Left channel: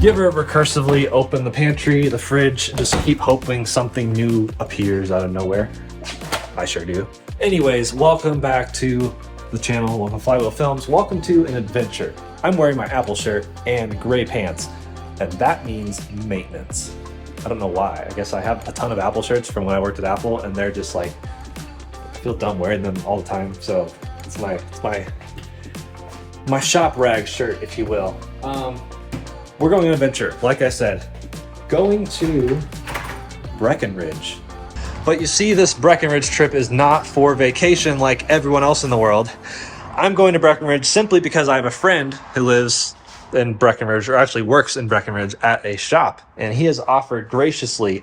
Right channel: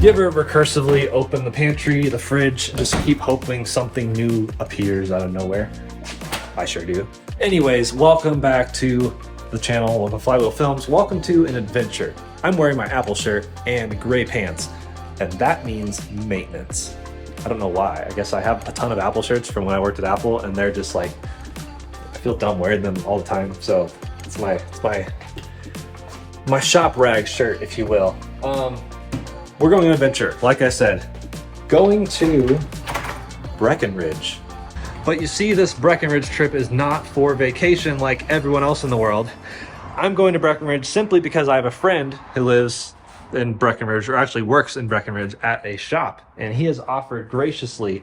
Do you ever recursively open the pantry, the fridge, and just keep hoping something new appears out of nowhere? I sure do. Anyways, welcome back to the channel of Flywheel Films. Welcome to an adventure. I'm wearing my Apple shirt and gray pants, and that means maintenance. I don't know why. I guess I have a ton of Apple shirts from when I worked at Apple, and they're just like, I feel dumb wearing them all the time. So it's my shop rag shirt, if you will. We're going on an adventure, like I said, going to Breckenridge. But you see, this Breckenridge trip is not for vacation like everyone else in the world. I'm going to Breckenridge simply because I have a friend who lives in Breckenridge, or actually works in Breckenridge at a shop, and he has offered graciously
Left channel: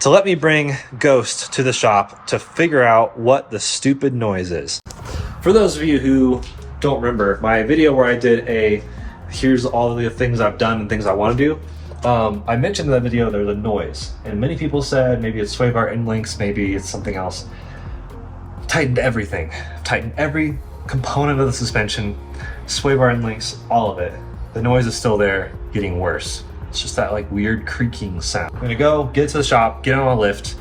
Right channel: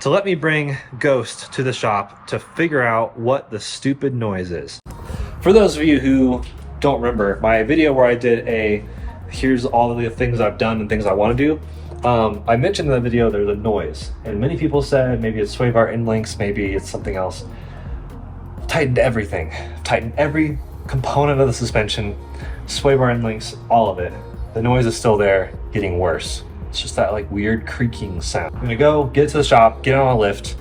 to let me bring Ghost to the shop to figure out what the stupid noise is. For those of you who don't remember, my video where I did here's all of the things I've done and things I want to do, I mentioned in the video there's a noise, and many people said maybe it's sway bar end links, maybe it's something else. Tightened everything, tightened every component of the suspension, sway bar end links, all of it. The noise is still there, getting worse. It's just that like weird creaking sound. I'm gonna go get to the shop, get on a lift,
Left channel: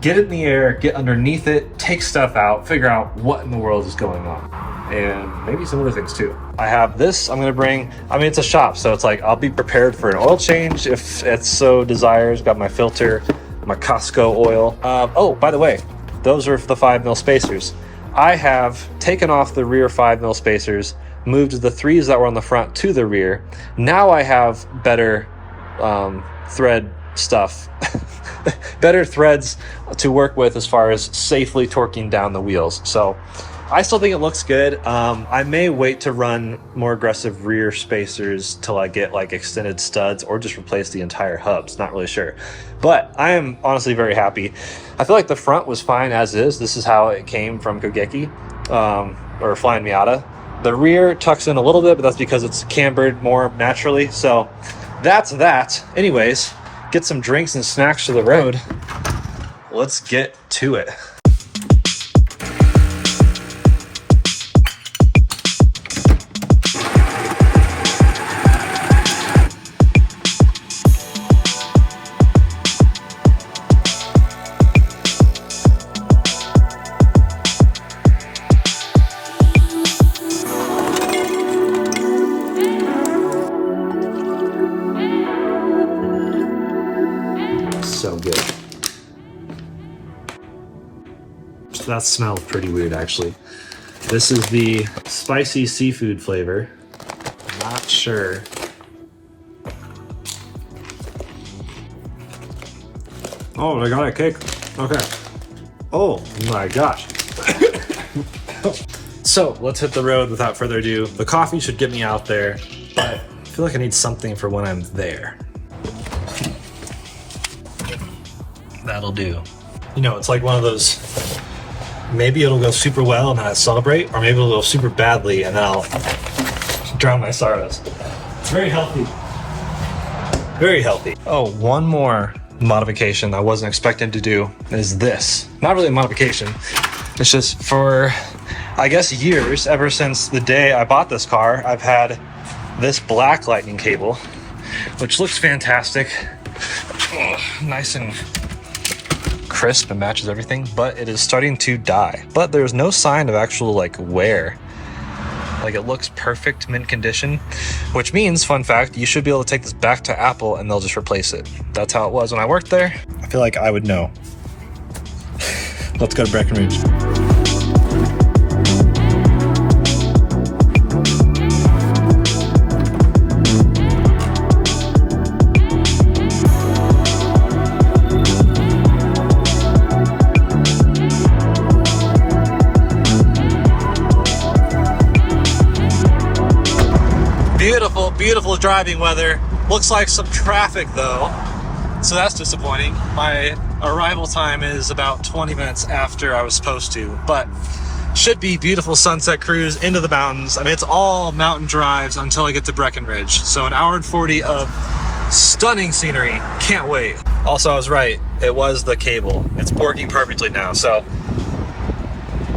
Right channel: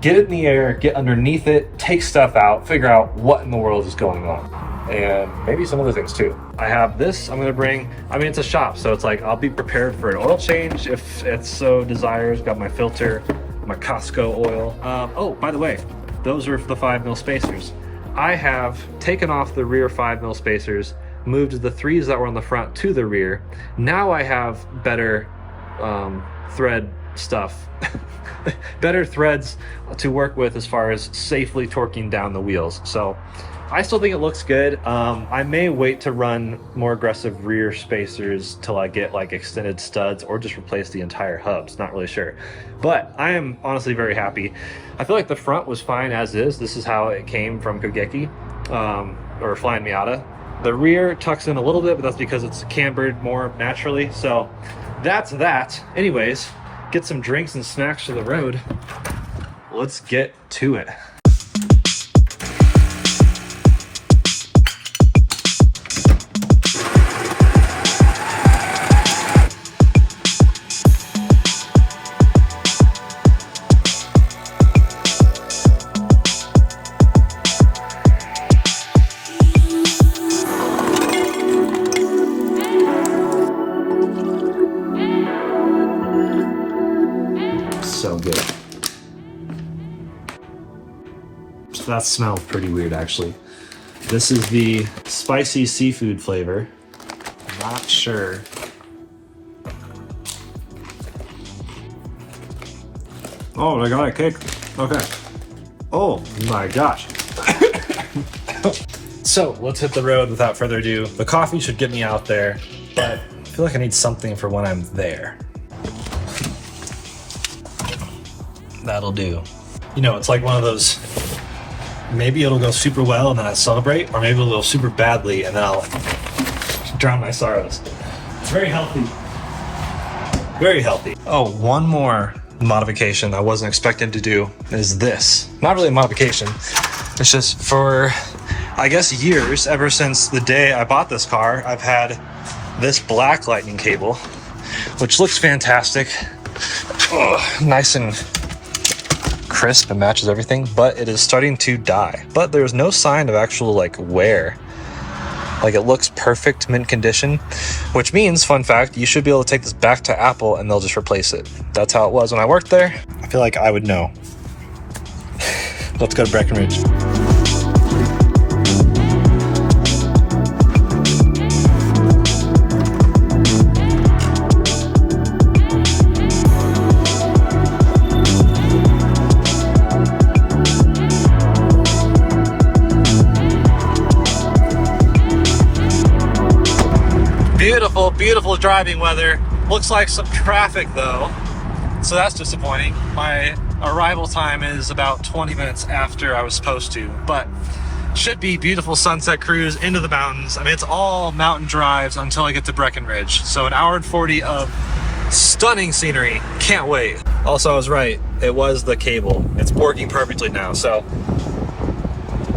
get it in the air, get underneath it, take stuff out, figure out what in the world is going on. And maybe some other things too. I have this I'm gonna bring. I mean, it's a shop, so it's like I'll be prepared for an oil change if it so desires. Got my filter, my Costco oil. Oh, by the way, those are the 5mm spacers. I have taken off the rear 5mm spacers, moved the 3s that were on the front to the rear. Now I have better thread stuff, better threads to work with as far as safely torquing down the wheels. So I still think it looks good. I may wait to run more aggressive rear spacers till I get like extended studs, or just replace the entire hubs. Not really sure, but I am honestly very happy. I feel like the front was fine as is. This is how it came from Kogeki or Flying Miata. The rear tucks in a little bit, but that's because it's cambered more naturally. So that's that. Anyways, get some drinks and snacks to the road. Let's get to it. So good. So that smells pretty weird, actually. This is the spicy seafood flavor. Not sure. Oh, I got a cake. Okay. Oh my gosh. So let's hit the road without further ado. The coffee should get me out there, but I feel like I need something for when I'm there. That'll do. You know, it's like one of those, maybe it'll go super well and then I'll celebrate, or maybe it'll go super badly and then I'll drown my sorrows. It's very healthy. Very healthy. Oh, one more modification I wasn't expecting to do is this. Not really a modification. It's just for, I guess, years, ever since the day I bought this car, I've had this black lightning cable, which looks fantastic. Nice and crisp and matches everything, but it is starting to die. But there's no sign of actual like wear. Like, it looks perfect, mint condition, which means, fun fact, you should be able to take this back to Apple and they'll just replace it. That's how it was when I worked there. I feel like I would know. Let's go to Breckenridge. Beautiful driving weather. Looks like some traffic though, so that's disappointing. My arrival time is about 20 minutes after I was supposed to, but should be beautiful sunset cruise into the mountains. I mean, it's all mountain drives until I get to Breckenridge, so an hour and 40 of stunning scenery. Can't wait. Also, I was right, it was the cable. It's working perfectly now, so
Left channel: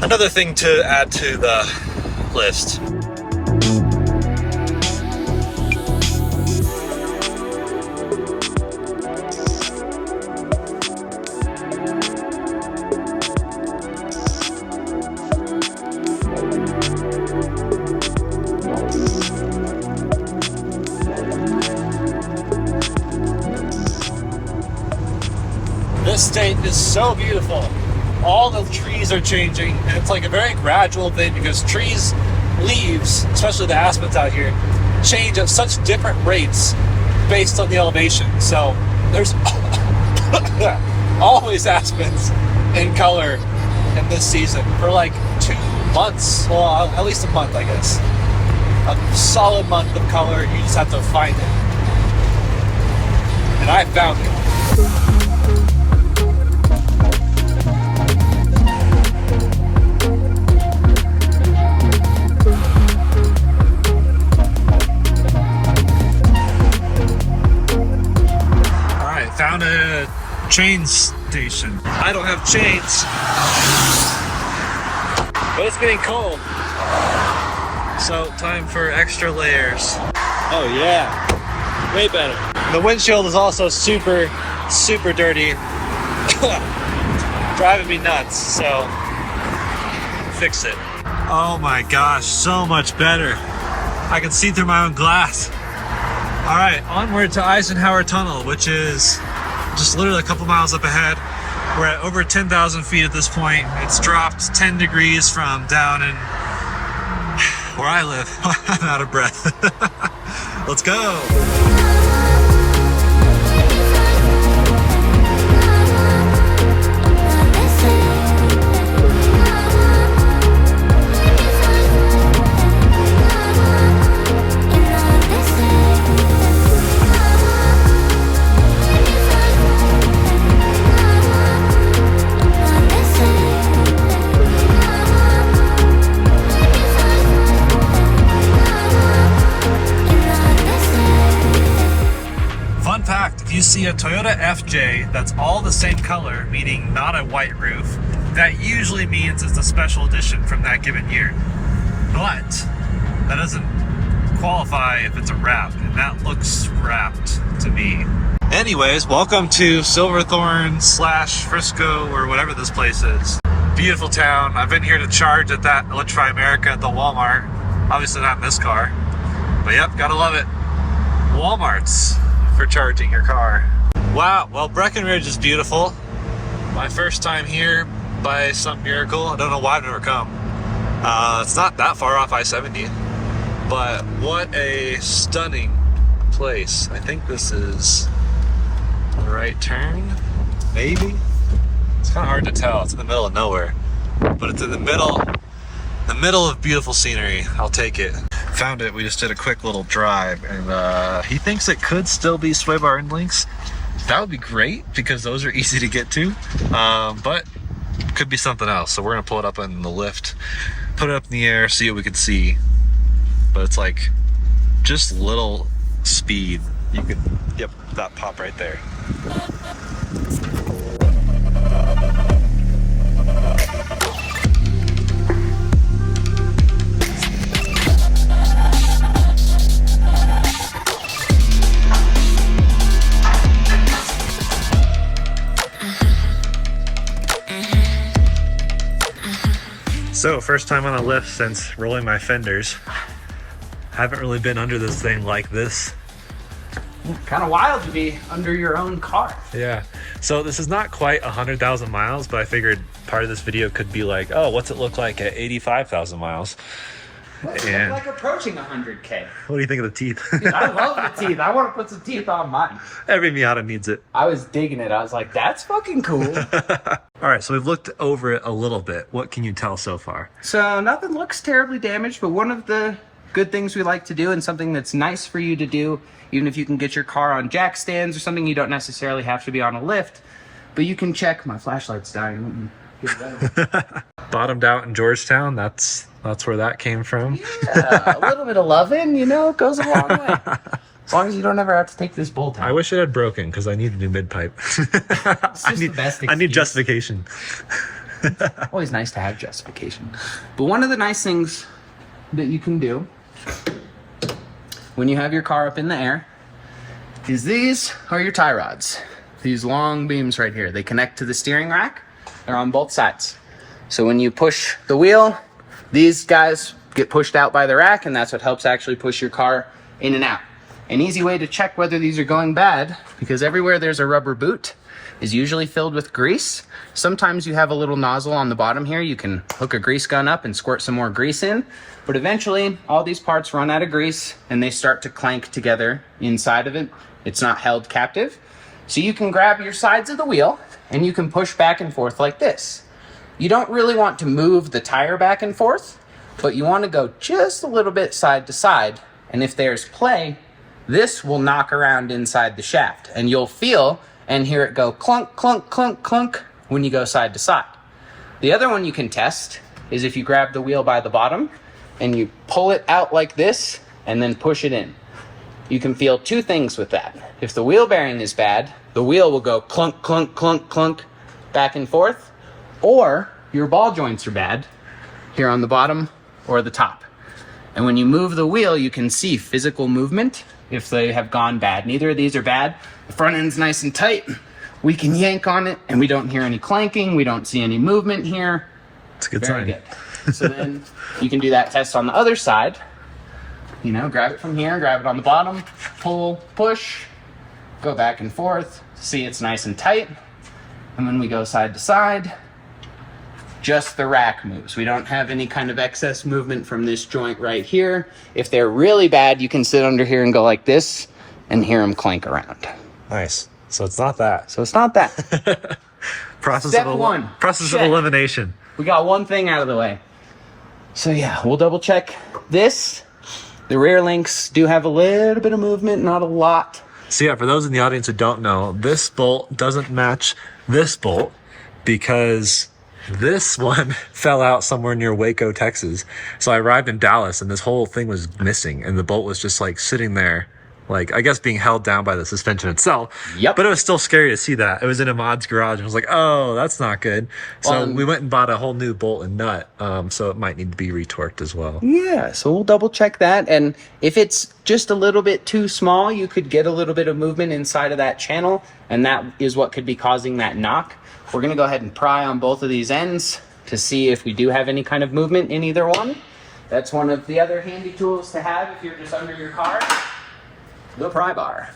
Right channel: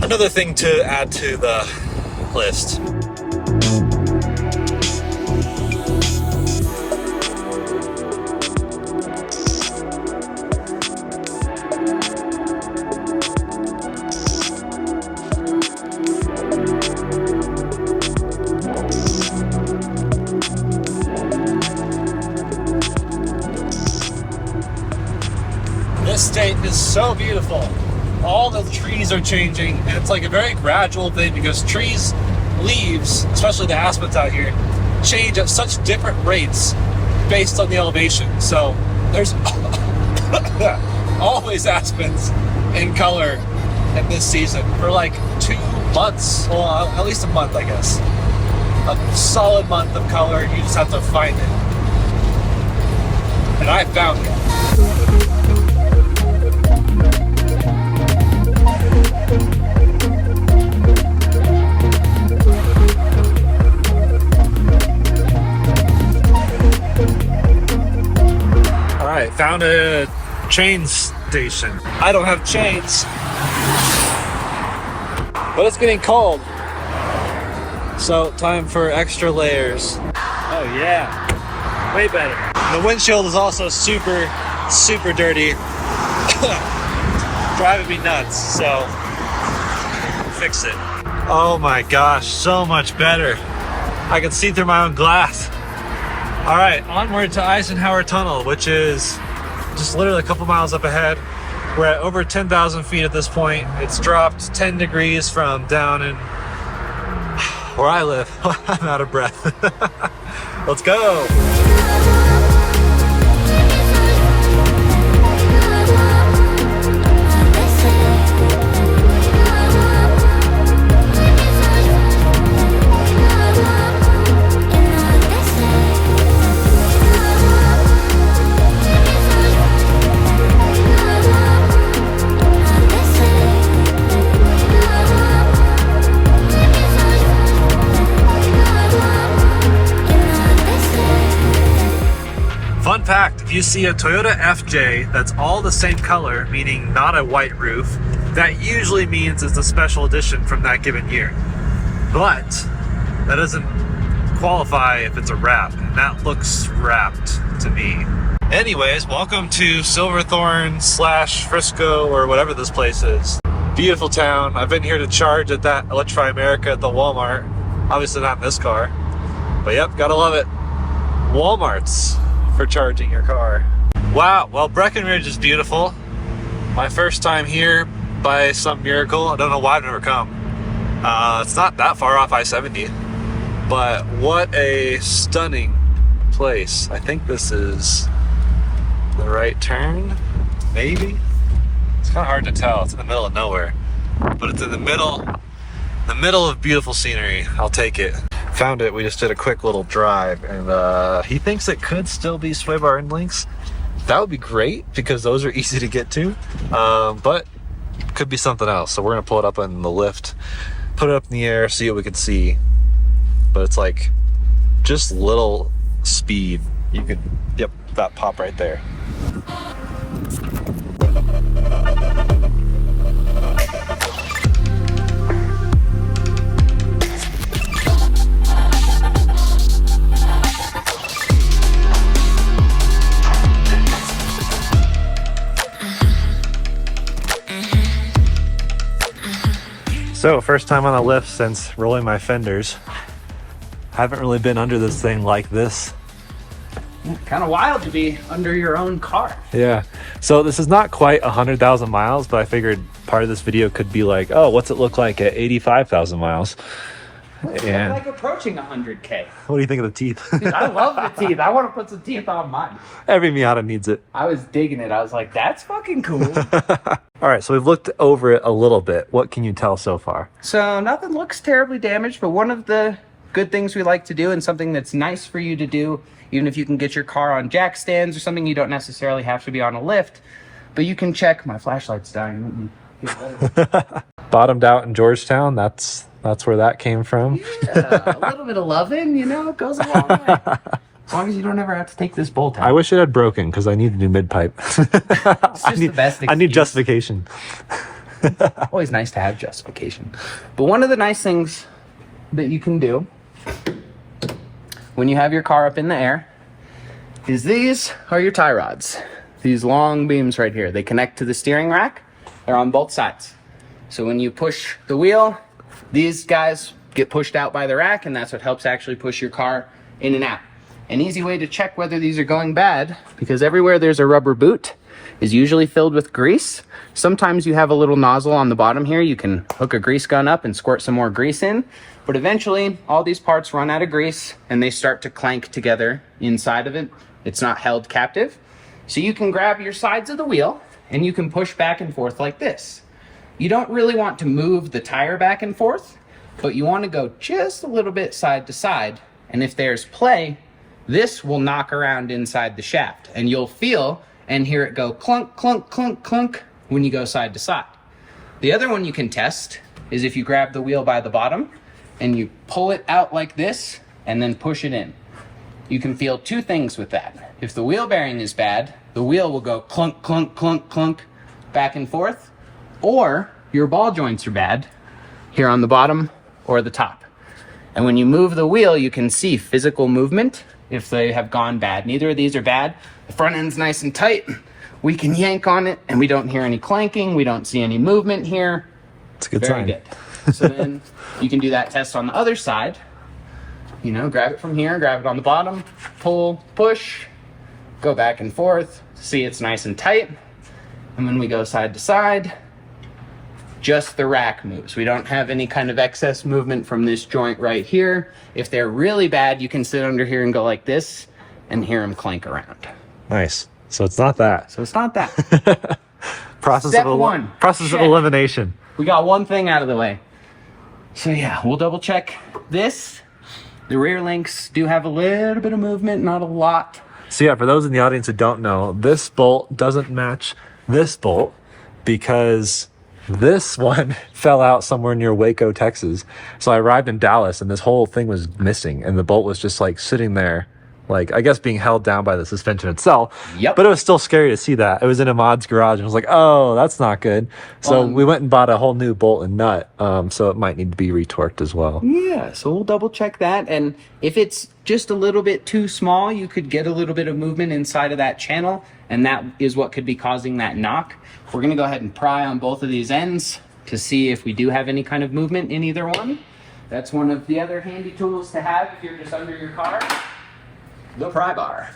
another thing to add to the list. This state is so beautiful. All the trees are changing, and it's like a very gradual thing because trees, leaves, especially the aspens out here, change at such different rates based on the elevation. So there's always aspens in color in this season for like 2 months, well, at least a month, I guess. A solid month of color. You just have to find it, and I found it. Found a chain station. I don't have chains, but it's getting cold, so time for extra layers. Oh yeah, way better. And the windshield is also super dirty, driving me nuts, so fix it. Oh my gosh, so much better. I can see through my own glass. All right, onward to Eisenhower Tunnel, which is just literally a couple miles up ahead. We're at over 10,000 feet at this point. It's dropped 10 degrees from down in where I live. I'm out of breath. Let's go. If you see a Toyota FJ that's all the same color, meaning not a white roof, that usually means it's a special edition from that given year. But that doesn't qualify if it's a wrap, and that looks wrapped to me. Anyways, welcome to Silverthorne / Frisco, or whatever this place is. Beautiful town. I've been here to charge at that Electrify America at the Walmart. Obviously not in this car, but yep, gotta love it. Walmarts for charging your car. Wow, well, Breckenridge is beautiful. My first time here by some miracle. I don't know why I've never come. It's not that far off I-70, but what a stunning place. I think this is the right turn, maybe? It's kind of hard to tell. It's in the middle of nowhere, but it's in the middle of beautiful scenery. I'll take it. Found it. We just did a quick little drive, and he thinks it could still be sway bar and links. That would be great because those are easy to get to, but could be something else. So we're gonna pull it up in the lift, put it up in the air, see what we can see. But it's like just little speed. You could, yep, that pop right there. So, first time on a lift since rolling my fenders. Haven't really been under this thing like this. Kind of wild to be under your own car. Yeah. So this is not quite 100,000 miles, but I figured part of this video could be like, oh, what's it look like at 85,000 miles? And like approaching 100K. What do you think of the teeth? Dude, I love the teeth. I want to put some teeth on mine. Every Miata needs it. I was digging it. I was like, that's fucking cool. All right, so we've looked over it a little bit. What can you tell so far? So nothing looks terribly damaged, but one of the good things we like to do, and something that's nice for you to do, even if you can get your car on jack stands or something, you don't necessarily have to be on a lift, but you can check. My flashlight's dying. Bottomed out in Georgetown. That's where that came from. Yeah, a little bit of loving, you know, it goes a long way. As long as you don't ever have to take this bolt out. I wish it had broken because I need a new mid pipe. It's just the best excuse. I need justification. Always nice to have justification. But one of the nice things that you can do when you have your car up in the air is these are your tie rods. These long beams right here. They connect to the steering rack. They're on both sides. So when you push the wheel, these guys get pushed out by the rack, and that's what helps actually push your car in and out. An easy way to check whether these are going bad, because everywhere there's a rubber boot is usually filled with grease. Sometimes you have a little nozzle on the bottom here. You can hook a grease gun up and squirt some more grease in, but eventually all these parts run out of grease and they start to clank together inside of it. It's not held captive. So you can grab your sides of the wheel and you can push back and forth like this. You don't really want to move the tire back and forth, but you want to go just a little bit side to side. And if there's play, this will knock around inside the shaft and you'll feel and hear it go clunk, clunk, clunk, clunk when you go side to side. The other one you can test is if you grab the wheel by the bottom and you pull it out like this and then push it in. You can feel two things with that. If the wheel bearing is bad, the wheel will go clunk, clunk, clunk, clunk back and forth, or your ball joints are bad here on the bottom or the top. And when you move the wheel, you can see physical movement if they have gone bad. Neither of these are bad. The front end's nice and tight. We can yank on it and we don't hear any clanking. We don't see any movement here. It's a good Very sign. good. So then you can do that test on the other side. You know, grab it from here, grab it on the bottom, pull, push, go back and forth, see it's nice and tight. And when we go side to side, just the rack moves. We don't have any kind of excess movement from this joint right here. If they're really bad, you can sit under here and go like this and hear them clank around. Nice. So it's not that. So it's not that. Process Step of one. Process of Check. elimination. We got one thing out of the way. So yeah, we'll double check this. The rear links do have a little bit of movement, not a lot. So yeah, for those in the audience who don't know, this bolt doesn't match this bolt because this one fell out somewhere near Waco, Texas. So I arrived in Dallas and this whole thing was missing and the bolt was just like sitting there, like I guess being held down by the suspension itself. Yep. But it was still scary to see that. It was in Ahmad's garage and I was like, oh, that's not good. So we went and bought a whole new bolt and nut. So it might need to be retorqued as well. Yeah, so we'll double check that. And if it's just a little bit too small, you could get a little bit of movement inside of that channel. And that is what could be causing that knock. We're gonna go ahead and pry on both of these ends to see if we do have any kind of movement in either one. That's one of the other handy tools to have if you're just under your car, the pry bar.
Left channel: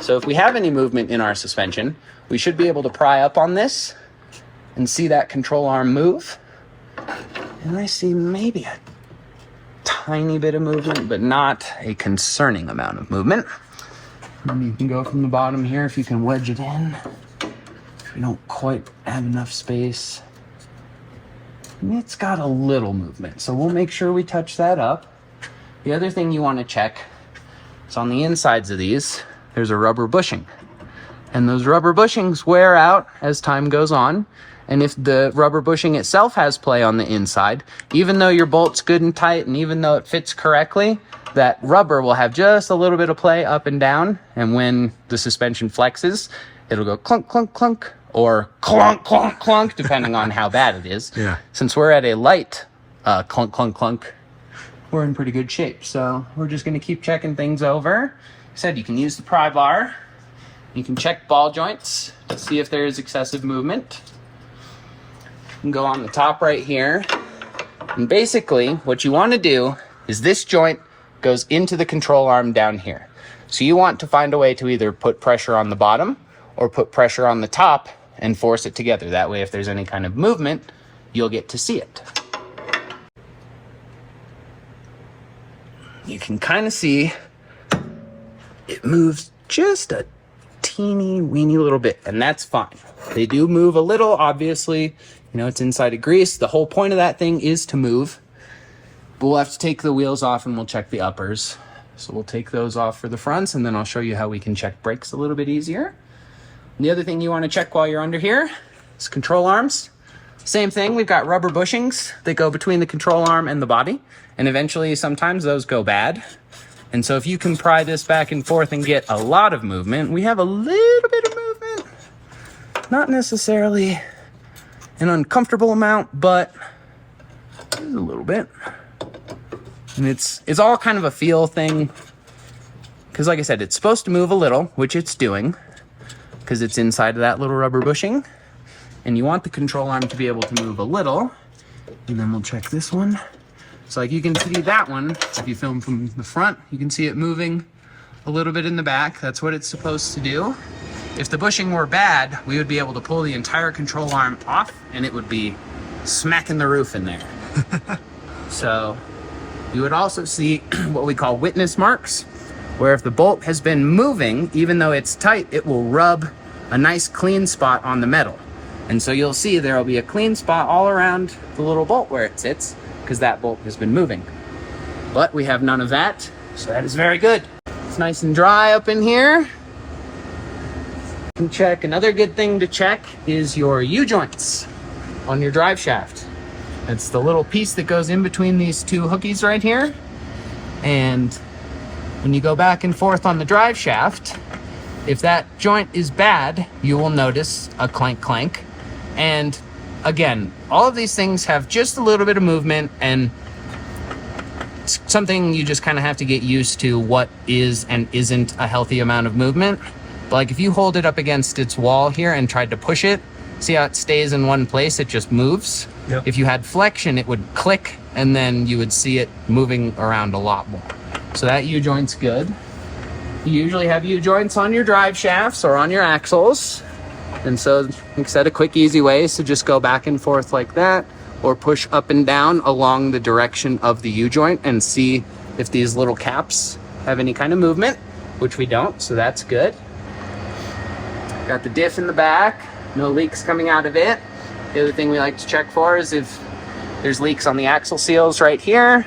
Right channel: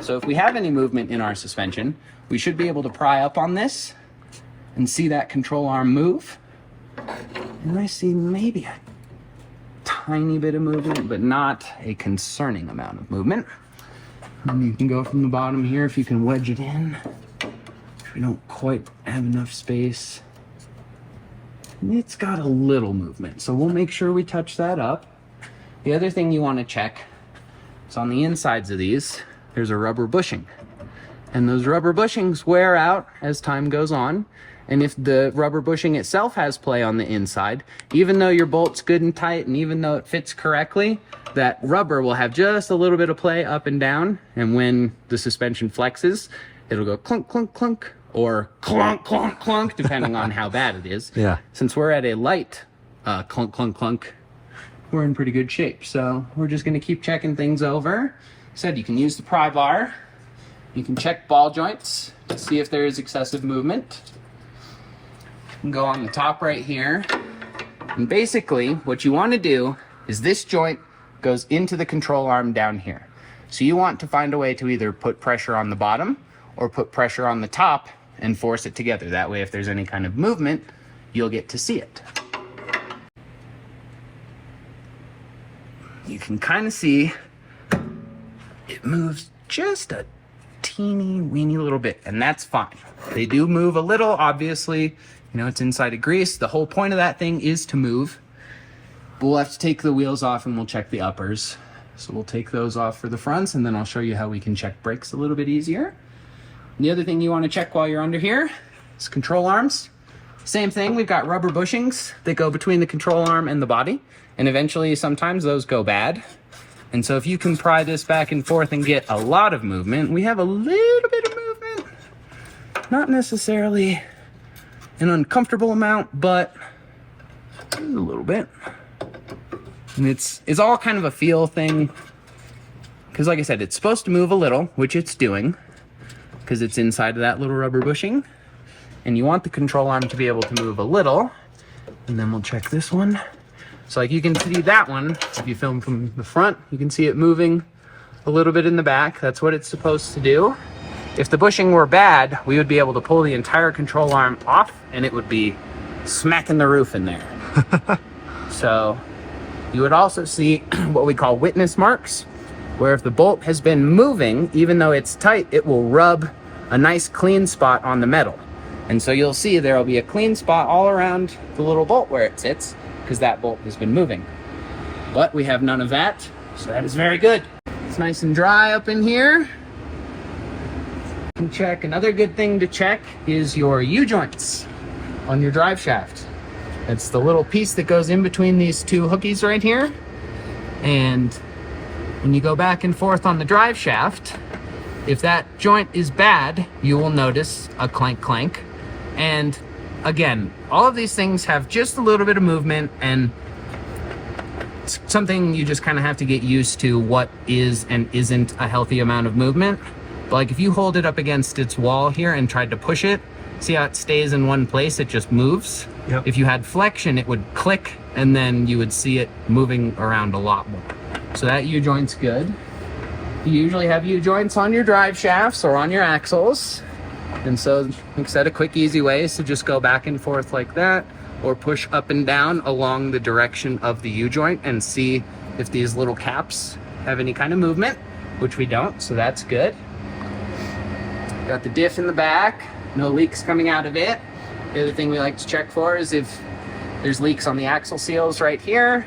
So if we have any movement in our suspension, we should be able to pry up on this and see that control arm move. And I see maybe a tiny bit of movement, but not a concerning amount of movement. And you can go from the bottom here if you can wedge it in. If we don't quite have enough space. It's got a little movement, so we'll make sure we touch that up. The other thing you want to check is on the insides of these, there's a rubber bushing. And those rubber bushings wear out as time goes on. And if the rubber bushing itself has play on the inside, even though your bolt's good and tight and even though it fits correctly, that rubber will have just a little bit of play up and down. And when the suspension flexes, it'll go clunk, clunk, clunk, or clunk, clunk, clunk, depending on how bad it is. Yeah. Since we're at a light clunk, clunk, clunk, we're in pretty good shape. So we're just gonna keep checking things over. I said you can use the pry bar. You can check ball joints to see if there is excessive movement. You can go on the top right here. And basically what you want to do is this joint goes into the control arm down here. So you want to find a way to either put pressure on the bottom or put pressure on the top and force it together. That way if there's any kind of movement, you'll get to see it. You can kind of see it moves just a teeny weeny little bit, and that's fine. They do move a little, obviously. You know, it's inside of grease. The whole point of that thing is to move. But we'll have to take the wheels off and we'll check the uppers. So we'll take those off for the fronts, and then I'll show you how we can check brakes a little bit easier. And the other thing you want to check while you're under here is control arms. Same thing, we've got rubber bushings that go between the control arm and the body. And eventually, sometimes those go bad. And so if you can pry this back and forth and get a lot of movement, we have a little bit of movement. Not necessarily an uncomfortable amount, but a little bit. And it's all kind of a feel thing. Because like I said, it's supposed to move a little, which it's doing. Because it's inside of that little rubber bushing. And you want the control arm to be able to move a little. And then we'll check this one. So like you can see that one, if you film from the front, you can see it moving a little bit in the back. That's what it's supposed to do. If the bushing were bad, we would be able to pull the entire control arm off and it would be smacking the roof in there. So you would also see what we call witness marks, where if the bolt has been moving, even though it's tight, it will rub a nice clean spot on the metal. And so you'll see there will be a clean spot all around the little bolt where it sits, because that bolt has been moving. But we have none of that, so that is very good. It's nice and dry up in here. You can check. Another good thing to check is your U-joints on your drive shaft. It's the little piece that goes in between these two hookies right here. And when you go back and forth on the drive shaft, if that joint is bad, you will notice a clank clank. And again, all of these things have just a little bit of movement, and it's something you just kind of have to get used to what is and isn't a healthy amount of movement. But like if you hold it up against its wall here and tried to push it, see how it stays in one place, it just moves. Yep. If you had flexion, it would click, and then you would see it moving around a lot more. So that U-joint's good. You usually have U-joints on your drive shafts or on your axles. And so, like I said, a quick, easy way is to just go back and forth like that, or push up and down along the direction of the U-joint and see if these little caps have any kind of movement, which we don't, so that's good. Got the diff in the back, no leaks coming out of it. The other thing we like to check for is if there's leaks on the axle seals right here.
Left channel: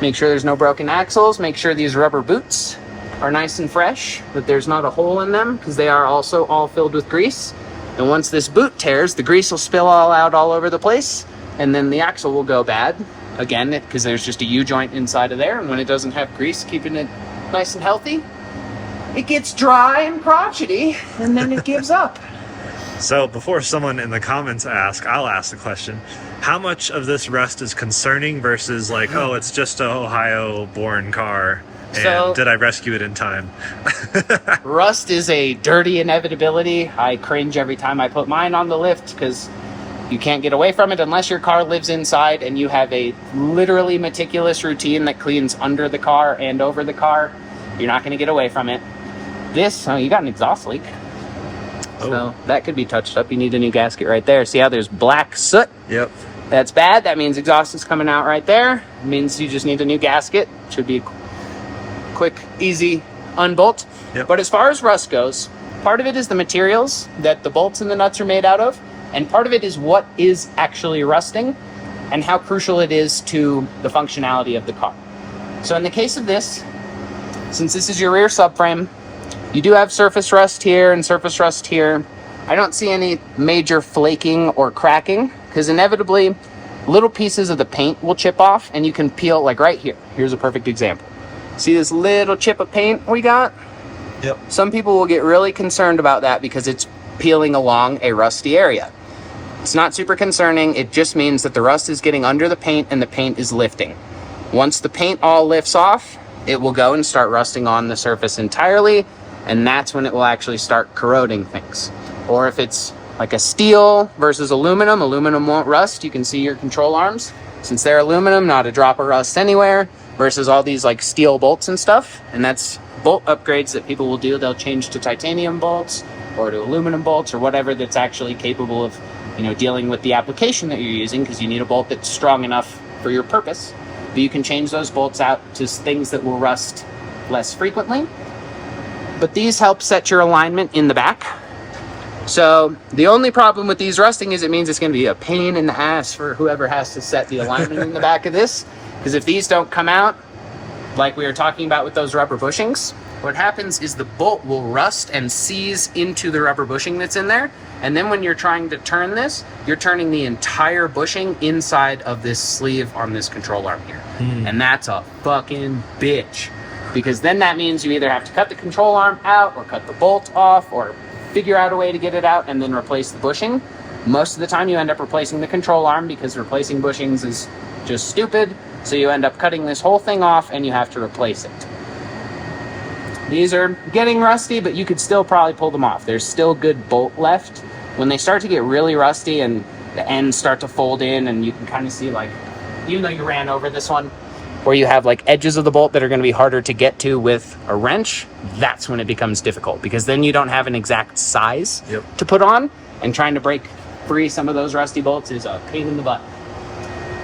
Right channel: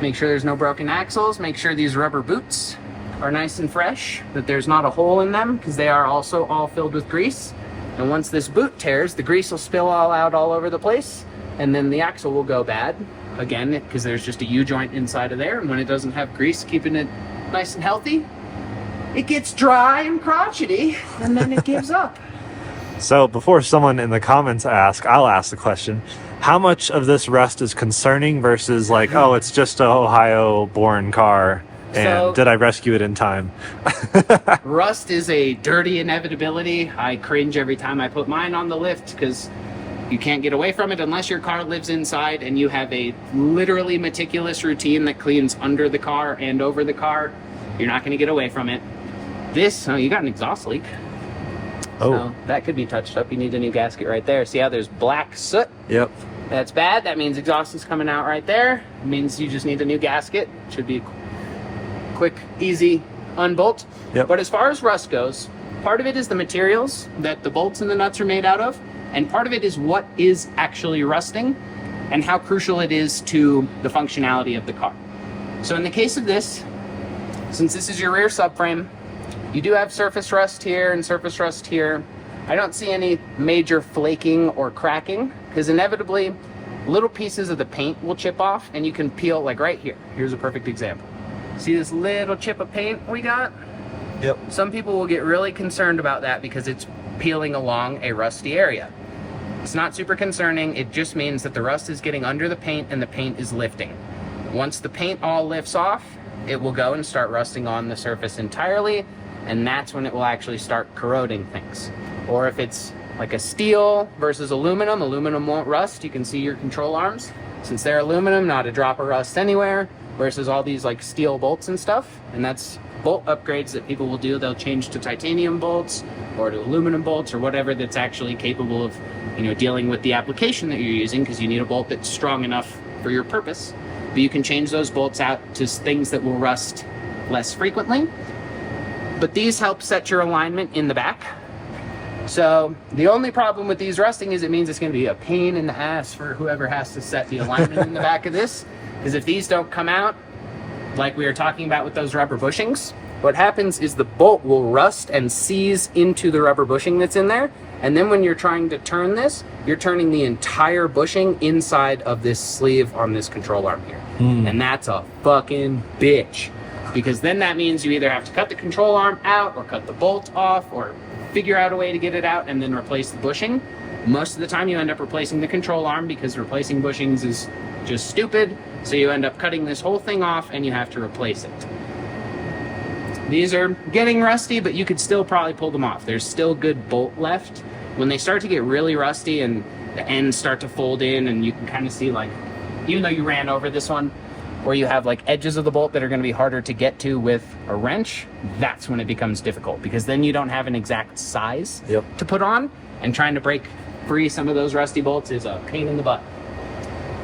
Make sure there's no broken axles. Make sure these rubber boots are nice and fresh, that there's not a hole in them, because they are also all filled with grease. And once this boot tears, the grease will spill all out all over the place, and then the axle will go bad. Again, because there's just a U-joint inside of there, and when it doesn't have grease keeping it nice and healthy, it gets dry and crotchety, and then it gives up. So before someone in the comments ask, I'll ask the question. How much of this rust is concerning versus like, oh, it's just an Ohio-born car, and So- did I rescue it in time? Rust is a dirty inevitability. I cringe every time I put mine on the lift, because you can't get away from it unless your car lives inside and you have a literally meticulous routine that cleans under the car and over the car. You're not going to get away from it. This, you got an exhaust leak. Oh. So that could be touched up. You need a new gasket right there. See how there's black soot? Yep. That's bad. That means exhaust is coming out right there. It means you just need a new gasket. Should be quick, easy unbolt. Yep. But as far as rust goes, part of it is the materials that the bolts and the nuts are made out of, and part of it is what is actually rusting and how crucial it is to the functionality of the car. So in the case of this, since this is your rear subframe, you do have surface rust here and surface rust here. I don't see any major flaking or cracking, because inevitably little pieces of the paint will chip off, and you can peel, like right here. Here's a perfect example. See this little chip of paint we got? Yep. Some people will get really concerned about that because it's peeling along a rusty area. It's not super concerning. It just means that the rust is getting under the paint and the paint is lifting. Once the paint all lifts off, it will go and start rusting on the surface entirely, and that's when it will actually start corroding things. Or if it's like a steel versus aluminum, aluminum won't rust. You can see your control arms. Since they're aluminum, not a drop of rust anywhere, versus all these like steel bolts and stuff. And that's bolt upgrades that people will do. They'll change to titanium bolts or to aluminum bolts or whatever that's actually capable of, you know, dealing with the application that you're using, because you need a bolt that's strong enough for your purpose. But you can change those bolts out to things that will rust less frequently. But these help set your alignment in the back. So the only problem with these rusting is it means it's going to be a pain in the ass for whoever has to set the alignment in the back of this. Because if these don't come out, like we were talking about with those rubber bushings, what happens is the bolt will rust and seize into the rubber bushing that's in there. And then when you're trying to turn this, you're turning the entire bushing inside of this sleeve on this control arm here. And that's a fucking bitch. Because then that means you either have to cut the control arm out or cut the bolt off or figure out a way to get it out and then replace the bushing. Most of the time you end up replacing the control arm, because replacing bushings is just stupid. So you end up cutting this whole thing off and you have to replace it. These are getting rusty, but you could still probably pull them off. There's still good bolt left. When they start to get really rusty and the ends start to fold in, and you can kind of see, like, even though you ran over this one, where you have like edges of the bolt that are going to be harder to get to with a wrench, that's when it becomes difficult, because then you don't have an exact size to put on, and trying to break free some of those rusty bolts is a pain in the butt.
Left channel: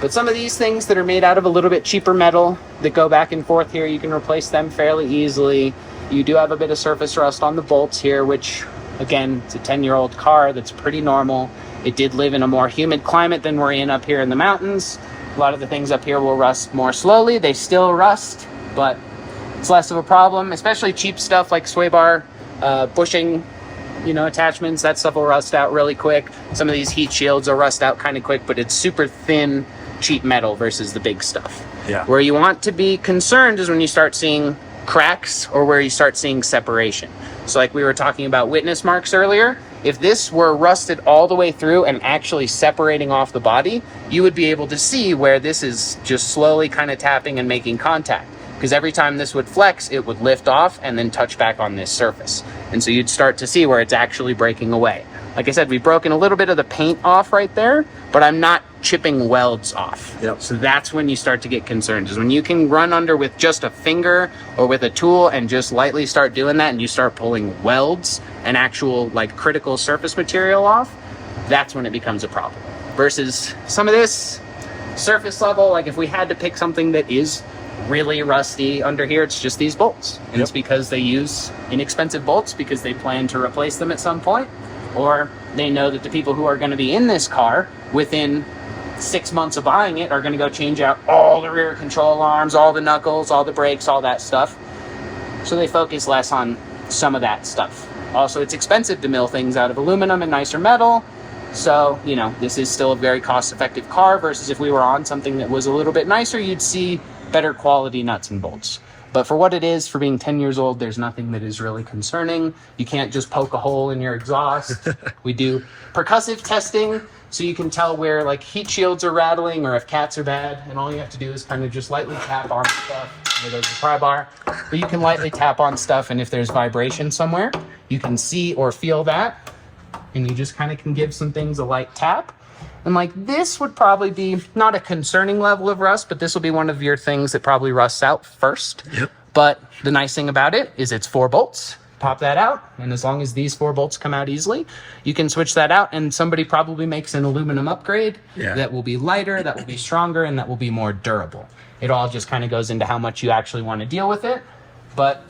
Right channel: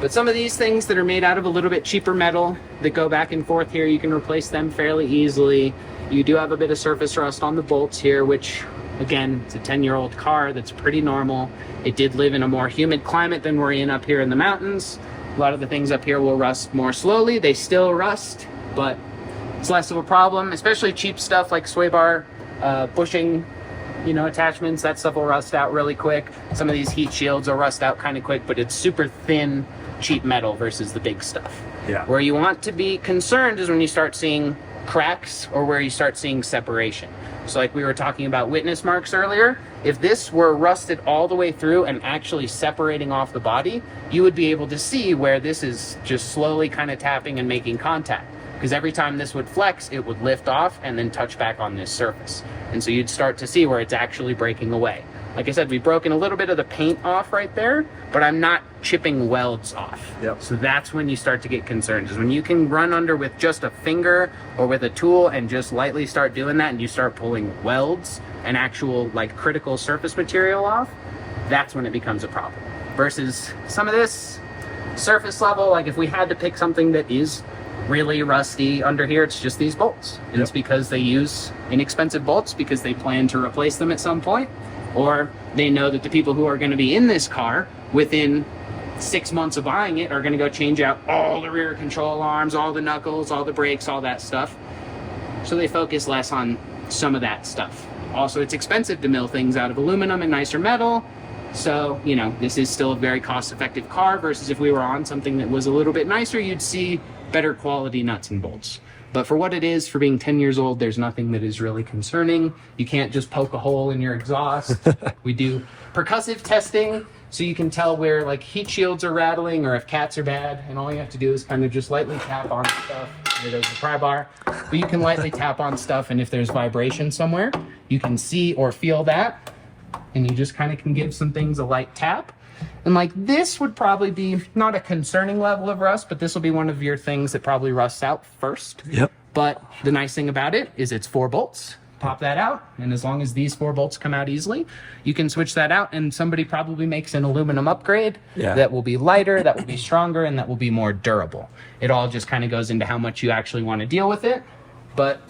But some of these things that are made out of a little bit cheaper metal that go back and forth here, you can replace them fairly easily. You do have a bit of surface rust on the bolts here, which again, it's a 10-year-old car. That's pretty normal. It did live in a more humid climate than we're in up here in the mountains. A lot of the things up here will rust more slowly. They still rust, but it's less of a problem, especially cheap stuff like sway bar, bushing, attachments. That stuff will rust out really quick. Some of these heat shields will rust out kind of quick, but it's super thin, cheap metal versus the big stuff. Yeah. Where you want to be concerned is when you start seeing cracks or where you start seeing separation. So like we were talking about witness marks earlier, if this were rusted all the way through and actually separating off the body, you would be able to see where this is just slowly kind of tapping and making contact. Because every time this would flex, it would lift off and then touch back on this surface. And so you'd start to see where it's actually breaking away. Like I said, we've broken a little bit of the paint off right there, but I'm not chipping welds off. Yep. So that's when you start to get concerned, is when you can run under with just a finger or with a tool and just lightly start doing that, and you start pulling welds and actual like critical surface material off, that's when it becomes a problem. Versus some of this surface level, like if we had to pick something that is really rusty under here, it's just these bolts. And it's because they use inexpensive bolts because they plan to replace them at some point, or they know that the people who are going to be in this car within 6 months of buying it are going to go change out all the rear control arms, all the knuckles, all the brakes, all that stuff. So they focus less on some of that stuff. Also, it's expensive to mill things out of aluminum and nicer metal. So, this is still a very cost-effective car versus if we were on something that was a little bit nicer, you'd see better quality nuts and bolts. But for what it is, for being 10 years old, there's nothing that is really concerning. You can't just poke a hole in your exhaust. We do percussive testing, so you can tell where like heat shields are rattling or if cats are bad, and all you have to do is kind of just lightly tap on stuff. Here, there's the pry bar, but you can lightly tap on stuff, and if there's vibration somewhere, you can see or feel that, and you just kind of can give some things a light tap. And like this would probably be not a concerning level of rust, but this will be one of your things that probably rusts out first. Yep. But the nice thing about it is it's 4 bolts. Pop that out, and as long as these 4 bolts come out easily, you can switch that out, and somebody probably makes an aluminum upgrade that will be lighter, that will be stronger, and that will be more durable. It all just kind of goes into how much you actually want to deal with it. But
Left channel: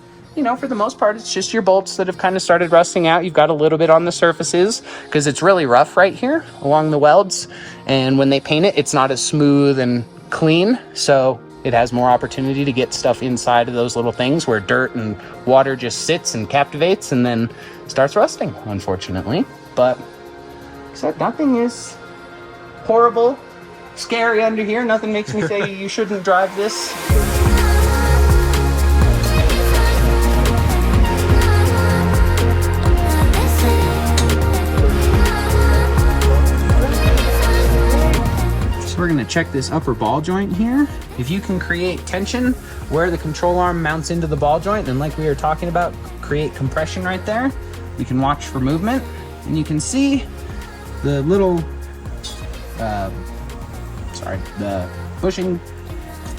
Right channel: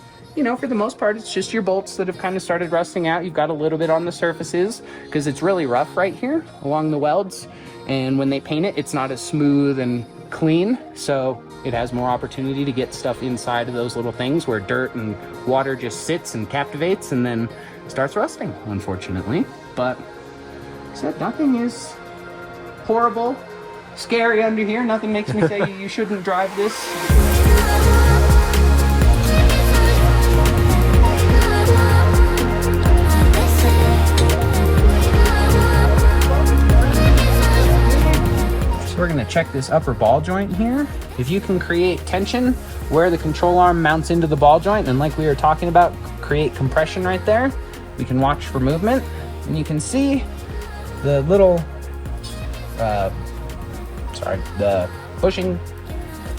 for the most part, it's just your bolts that have kind of started rusting out. You've got a little bit on the surfaces because it's really rough right here along the welds. And when they paint it, it's not as smooth and clean. So it has more opportunity to get stuff inside of those little things where dirt and water just sits and captivates and then starts rusting, unfortunately. But so nothing is horrible, scary under here. Nothing makes me say you shouldn't drive this. We're going to check this upper ball joint here. If you can create tension where the control arm mounts into the ball joint, and like we were talking about, create compression right there, you can watch for movement, and you can see the little the bushing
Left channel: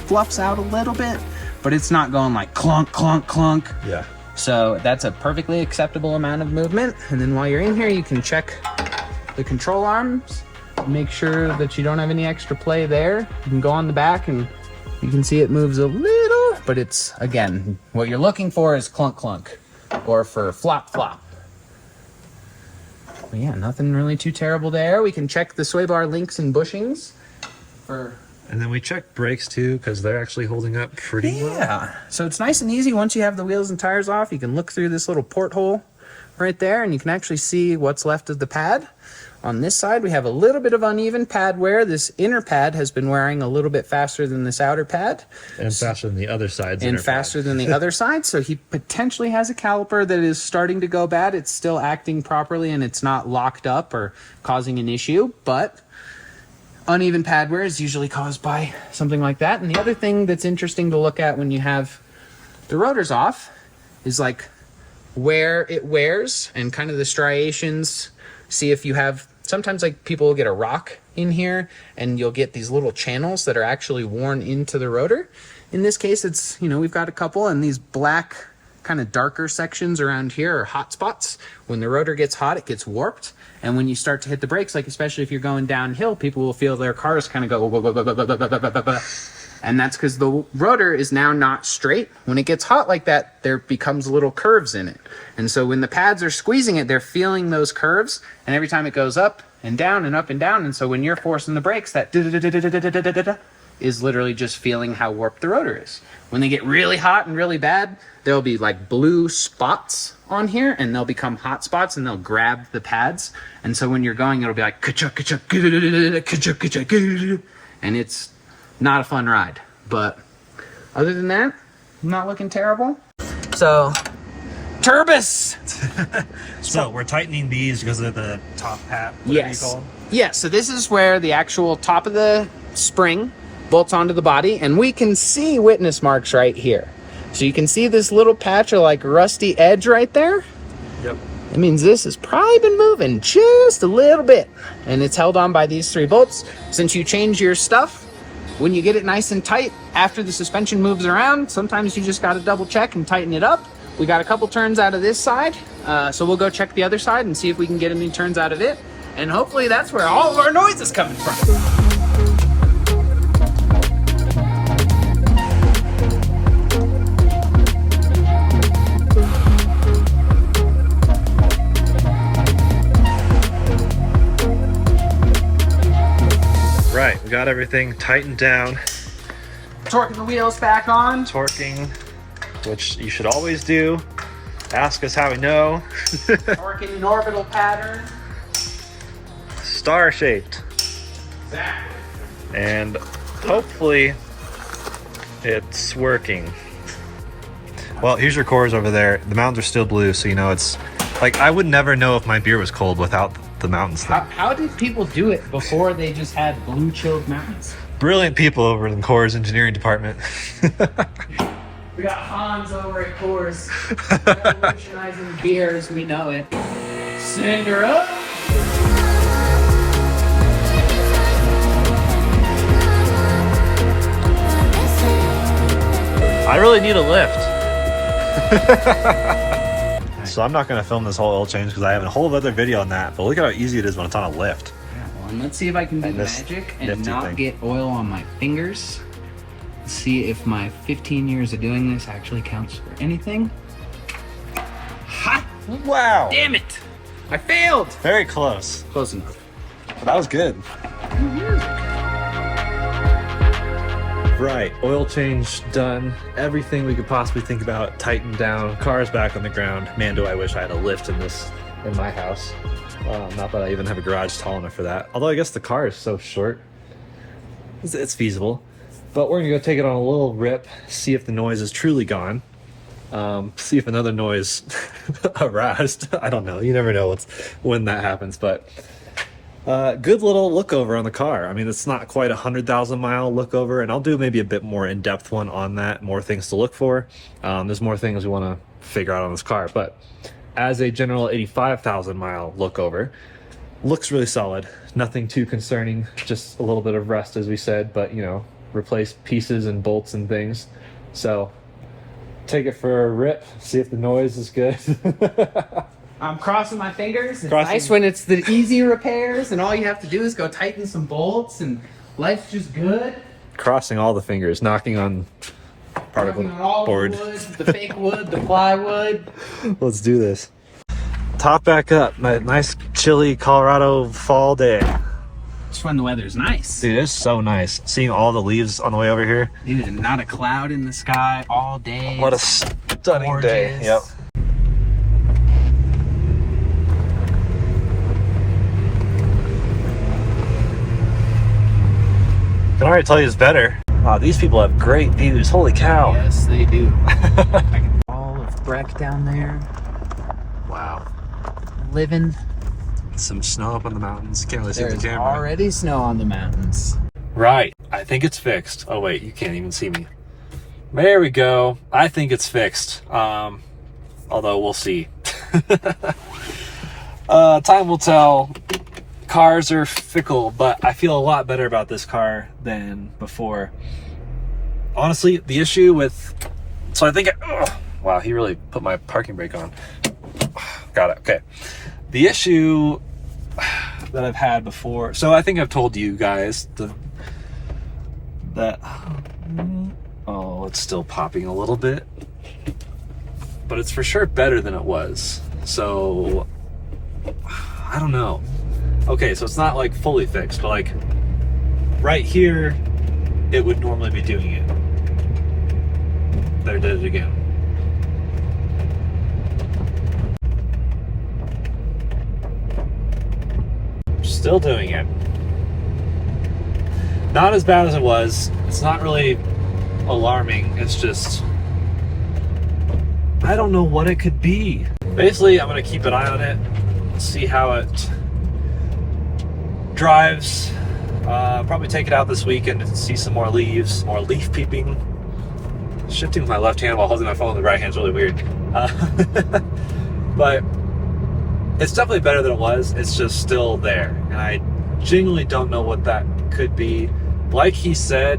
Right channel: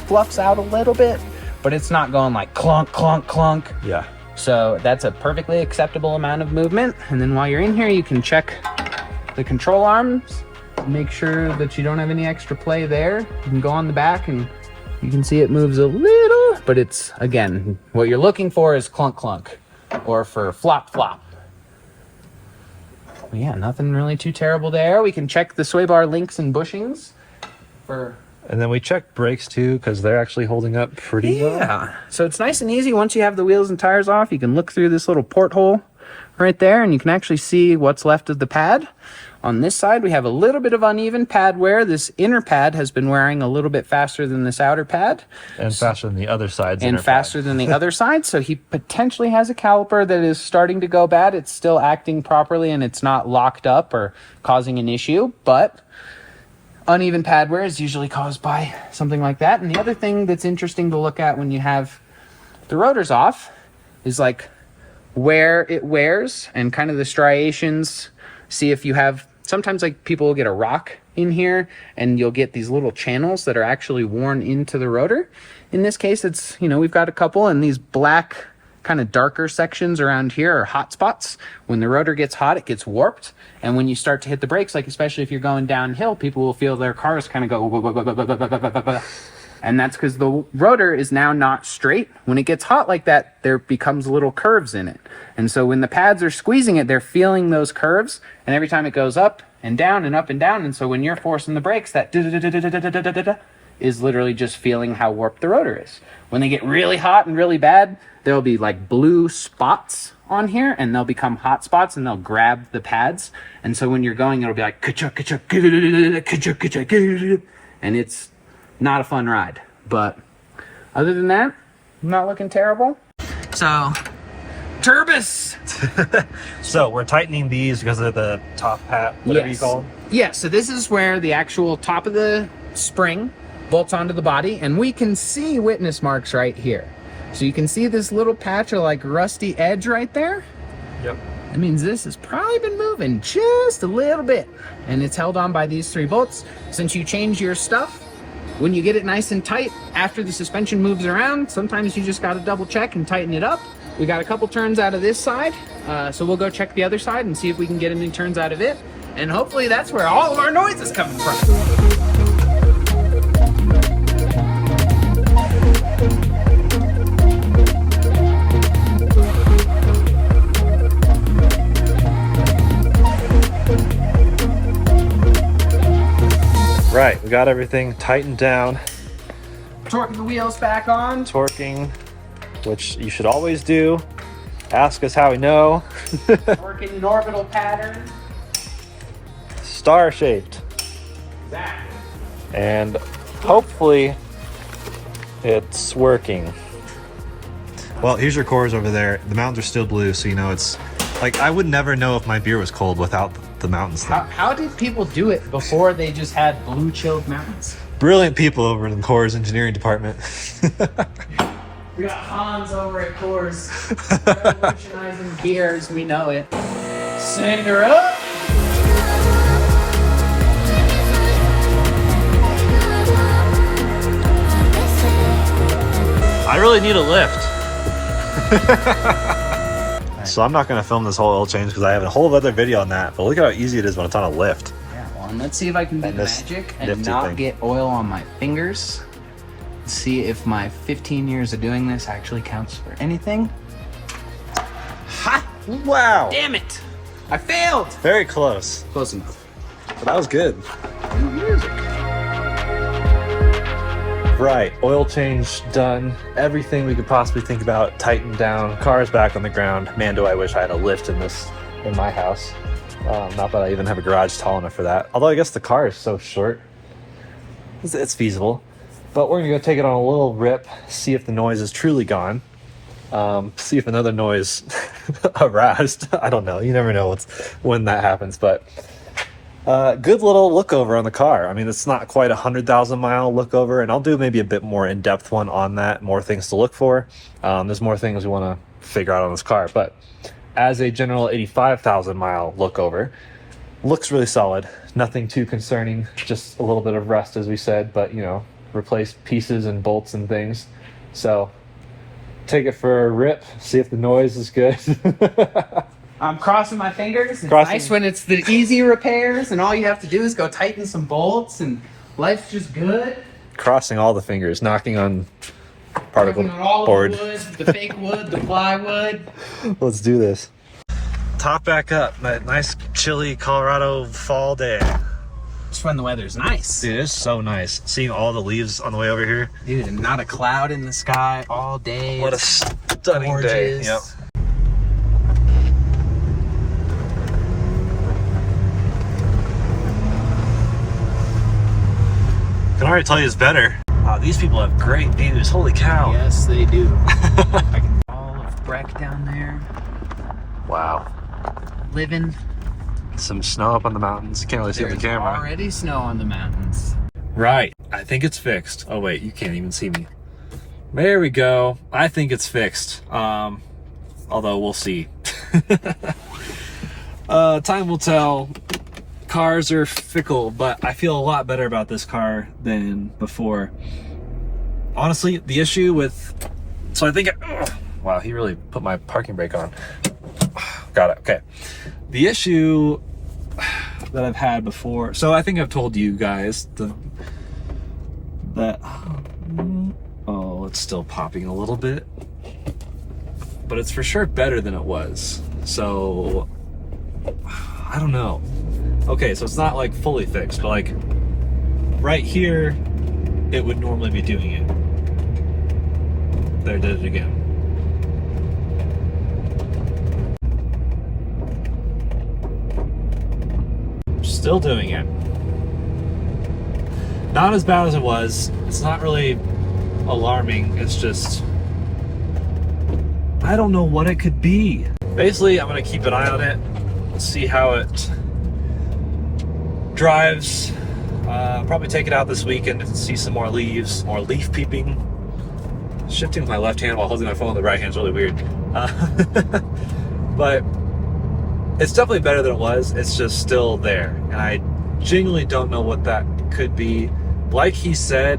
fluffs out a little bit, but it's not going like clunk, clunk, clunk. Yeah. So that's a perfectly acceptable amount of movement. And then while you're in here, you can check the control arms. Make sure that you don't have any extra play there. You can go on the back and you can see it moves a little, but it's, again, what you're looking for is clunk clunk or for flop flop. But yeah, nothing really too terrible there. We can check the sway bar links and bushings for... And then we check brakes too, because they're actually holding up pretty well. Yeah, so it's nice and easy. Once you have the wheels and tires off, you can look through this little porthole right there and you can actually see what's left of the pad. On this side, we have a little bit of uneven pad wear. This inner pad has been wearing a little bit faster than this outer pad. And faster than the other side's and faster than the other side. So he potentially has a caliper that is starting to go bad. It's still acting properly and it's not locked up or causing an issue. But uneven pad wear is usually caused by something like that. And the other thing that's interesting to look at when you have the rotors off is like where it wears and kind of the striations. See if you have, sometimes like people will get a rock in here and you'll get these little channels that are actually worn into the rotor. In this case, it's, you know, we've got a couple, and these black kind of darker sections around here are hot spots. When the rotor gets hot, it gets warped. And when you start to hit the brakes, like especially if you're going downhill, people will feel their cars kind of go, and that's because the rotor is now not straight. When it gets hot like that, there becomes little curves in it. And so when the pads are squeezing it, they're feeling those curves, and every time it goes up and down and up and down, and so when you're forcing the brakes, that is literally just feeling how warped the rotor is. When they get really hot and really bad, there'll be like blue spots on here, and they'll become hot spots, and they'll grab the pads. And so when you're going, it'll be like ka-chuk, ka-chuk, ka-chuk, ka-chuk, and it's not a fun ride. But other than that, not looking terrible. So, turbus. So we're tightening these because of the top hat, whatever you call them. Yeah, so this is where the actual top of the spring bolts onto the body, and we can see witness marks right here. So you can see this little patch of like rusty edge right there. Yep. That means this has probably been moving just a little bit, and it's held on by these 3 bolts. Since you change your stuff, when you get it nice and tight after the suspension moves around, sometimes you just got to double check and tighten it up. We got a couple turns out of this side, so we'll go check the other side and see if we can get any turns out of it, and hopefully that's where all of our noise is coming from. Right, we got everything tightened down. Torquing the wheels back on. Torquing, which you should always do. Ask us how we know. Torquing an orbital pattern. Star-shaped. Exactly. And hopefully it's working. Well, here's your cores over there. The mountains are still blue, so you know it's like I would never know if my beer was cold without the mountains thing. How did people do it before they just had blue chilled mountains? Brilliant people over in the Core's engineering department. We got Hans over at Coors, revolutionizing beer as we know it. Send her up. I really need a lift. So I'm not going to film this whole oil change because I have a whole other video on that. But look at how easy it is when it's on a lift. Yeah, well, and let's see if I can do the magic and not get oil on my fingers. See if my 15 years of doing this actually counts for anything. Ha! Wow. Damn it! I failed! Very close. Close enough. But that was good. Right, oil change done. Everything we could possibly think about tightened down. Car's back on the ground. Man, do I wish I had a lift in my house. Not that I even have a garage tall enough for that. Although I guess the car is so short. It's feasible. But we're gonna go take it on a little rip, see if the noise is truly gone. See if another noise aroused. I don't know. You never know when that happens, but good little look over on the car. I mean, it's not quite 100,000 mile look over, and I'll do maybe a bit more in-depth one on that, more things to look for. There's more things we want to figure out on this car, but as a general 85,000 mile look over, looks really solid. Nothing too concerning, just a little bit of rust as we said, but you know, replace pieces and bolts and things. So take it for a rip, see if the noise is good. I'm crossing my fingers. It's nice when it's the easy repairs and all you have to do is go tighten some bolts and life's just good. Crossing all the fingers, knocking on particle board. The wood, the fake wood, the plywood. Let's do this. Top back up. Nice chilly Colorado fall day. Just when the weather's nice. Dude, it's so nice. Seeing all the leaves on the way over here. Dude, and not a cloud in the sky all day. What a stunning day. Yep. I can already tell you it's better. Wow, these people have great views. Holy cow. Yes, they do. All of Breck down there. Wow. Living. Some snow up on the mountains. Can't really see the camera. There's already snow on the mountains. Right. I think it's fixed. Oh, wait. You can't even see me. There we go. I think it's fixed. Although we'll see. Time will tell. Cars are fickle, but I feel a lot better about this car than before. honestly, the issue with, so I think, wow, he really put my parking brake on. Got it, okay. The issue that I've had before, so I think I've told you guys that, oh, it's still popping a little bit, but it's for sure better than it was. So, I don't know. Okay, so it's not like fully fixed, but like right here, it would normally be doing it. There, did it again. Still doing it. Not as bad as it was. It's not really alarming. It's just, I don't know what it could be. Basically, I'm gonna keep an eye on it, see how it drives. Probably take it out this weekend to see some more leaves, more leaf peeping. Shifting with my left hand while holding my phone with the right hand is really weird. But it's definitely better than it was. It's just still there. And I genuinely don't know what that could be. Like he said,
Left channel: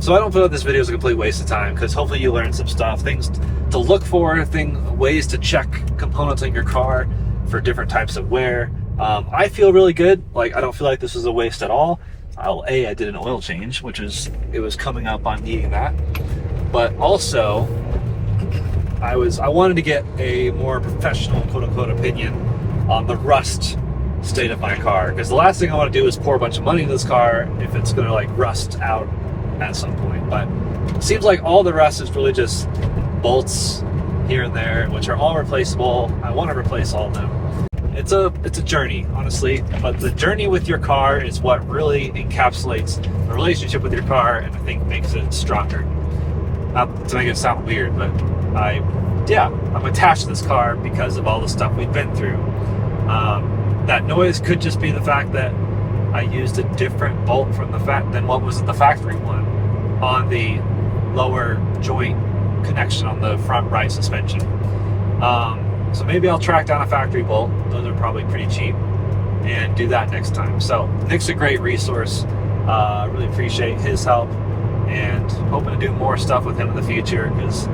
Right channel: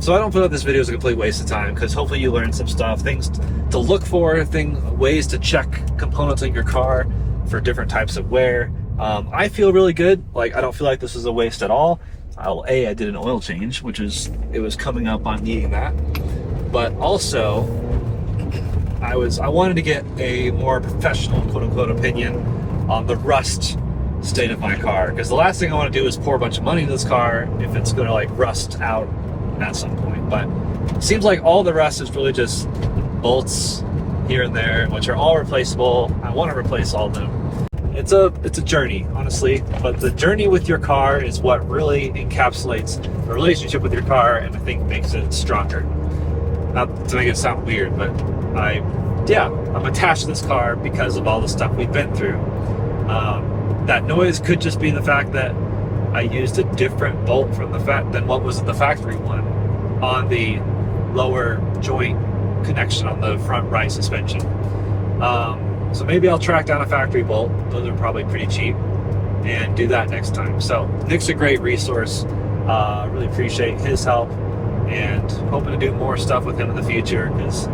so I don't feel like this video is a complete waste of time, because hopefully you learned some stuff, things to look for, ways to check components in your car for different types of wear. I feel really good. Like, I don't feel like this is a waste at all. I did an oil change, it was coming up on needing that. But also, I wanted to get a more professional, quote unquote, opinion on the rust state of my car, because the last thing I want to do is pour a bunch of money into this car if it's going to like rust out at some point. But it seems like all the rust is really just bolts here and there, which are all replaceable. I want to replace all of them. It's a journey, honestly, but the journey with your car is what really encapsulates the relationship with your car, and I think makes it stronger. Not to make it sound weird, but I'm attached to this car because of all the stuff we've been through. That noise could just be the fact that I used a different bolt than what was in the factory one on the lower joint connection on the front right suspension. So maybe I'll track down a factory bolt. Those are probably pretty cheap, and do that next time. So Nick's a great resource. Really appreciate his help, and hoping to do more stuff with him in the future, because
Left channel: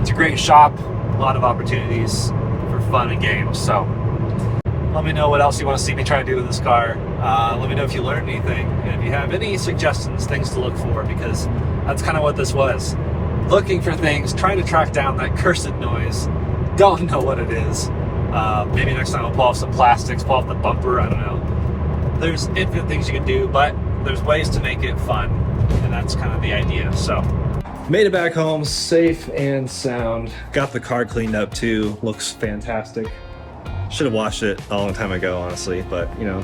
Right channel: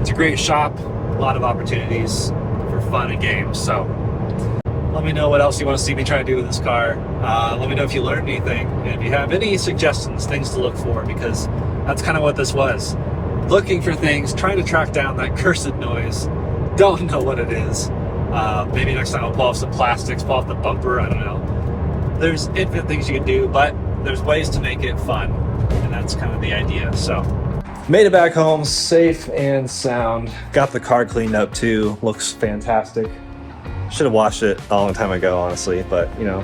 it's a great shop, a lot of opportunities for fun and games. So let me know what else you want to see me try to do with this car. Let me know if you learned anything, and if you have any suggestions, things to look for, because that's kind of what this was. Looking for things, trying to track down that cursed noise. Don't know what it is. Maybe next time I'll pull off some plastics, pull off the bumper, I don't know. There's infinite things you can do, but there's ways to make it fun, and that's kind of the idea. So, made it back home safe and sound. Got the car cleaned up too, looks fantastic. Should have washed it a long time ago, honestly, but you know.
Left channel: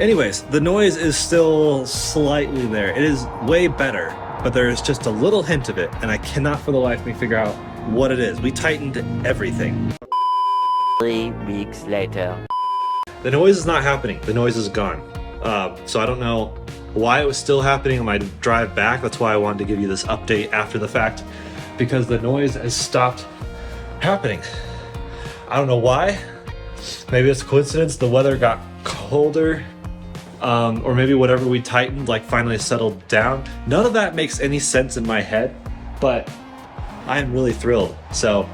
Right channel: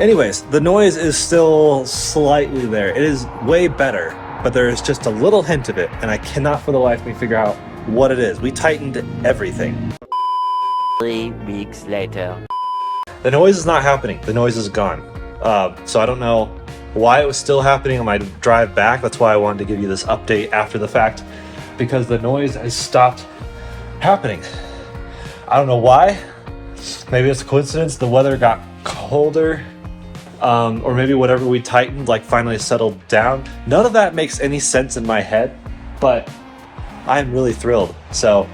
Anyways, the noise is still slightly there. It is way better, but there is just a little hint of it, and I cannot for the life of me figure out what it is. We tightened everything. 3 weeks later. The noise is not happening. The noise is gone. So I don't know why it was still happening on my drive back. That's why I wanted to give you this update after the fact, because the noise has stopped happening. I don't know why. Maybe it's a coincidence. The weather got colder, or maybe whatever we tightened like finally settled down. None of that makes any sense in my head, but I'm really thrilled. So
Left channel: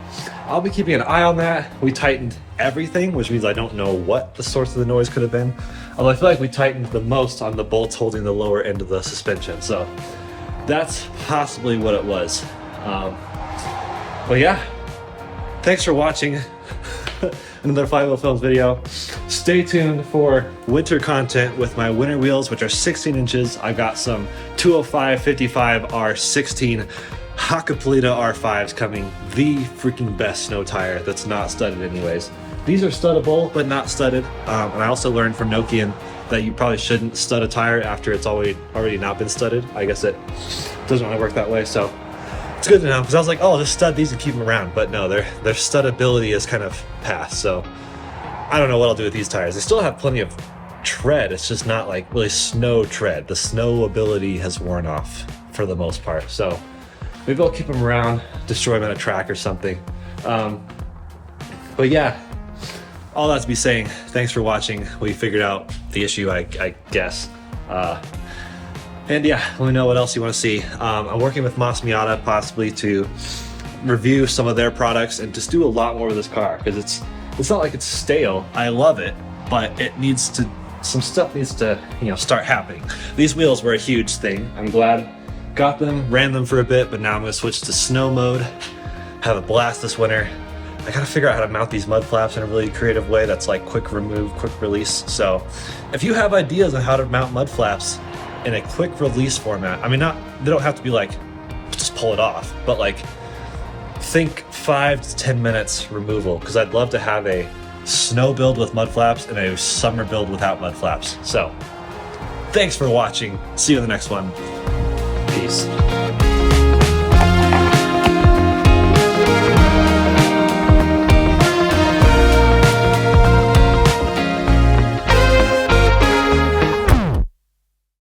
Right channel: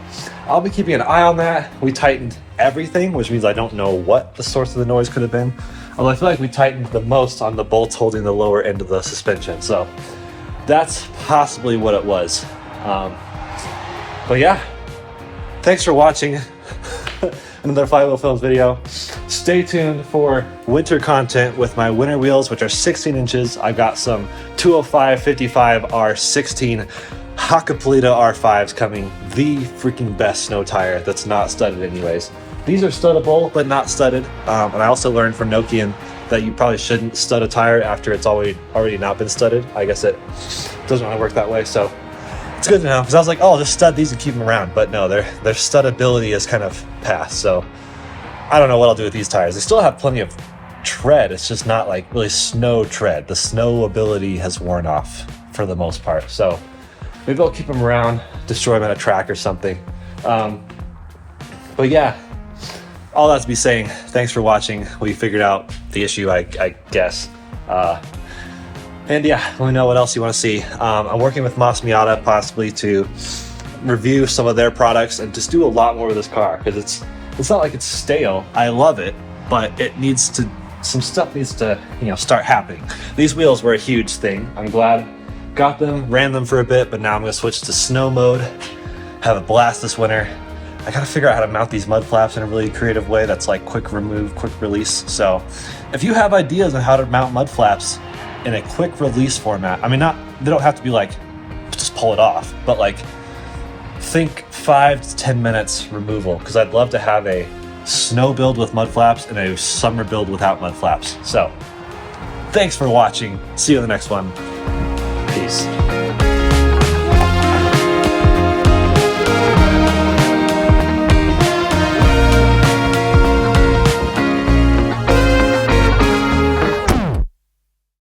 I'll be keeping an eye on that. We tightened everything, which means I don't know what the source of the noise could have been. Although I feel like we tightened the most on the bolts holding the lower end of the suspension. So that's possibly what it was. But yeah, thanks for watching another Flywheel Films video. Stay tuned for winter content with my winter wheels, which are 16 inches. I've got some 205 55 R16 Hakkapeliitta R5s coming, the freaking best snow tire that's not studded anyways. These are studdable, but not studded. And I also learned from Nokian that you probably shouldn't stud a tire after it's already not been studded. I guess it doesn't really work that way, so it's good to know. Because I was like, oh, just stud these and keep them around. But no, their studdability is kind of past. So I don't know what I'll do with these tires. They still have plenty of tread. It's just not like really snow tread. The snow ability has worn off for the most part. So maybe I'll keep them around, destroy them at a track or something. But yeah, all that to be saying, thanks for watching. We figured out the issue, I guess. And yeah, let me know what else you want to see. I'm working with Miata possibly to review some of their products and just do a lot more with this car, because it's not like it's stale. I love it, but it needs to, some stuff needs to, you know, start happening. These wheels were a huge thing. I'm glad got them, ran them for a bit, but now I'm gonna switch to snow mode, have a blast this winter. I gotta figure out how to mount these mud flaps in a really creative way that's like quick remove, quick release. So if you have ideas on how to mount mud flaps in a quick release format, I mean, they don't have to be like, just pull it off, but like think 5 to 10 minutes removal, because I'd love to have a snow build with mud flaps and a summer build without mud flaps. So thanks for watching. See you in the next one. Peace.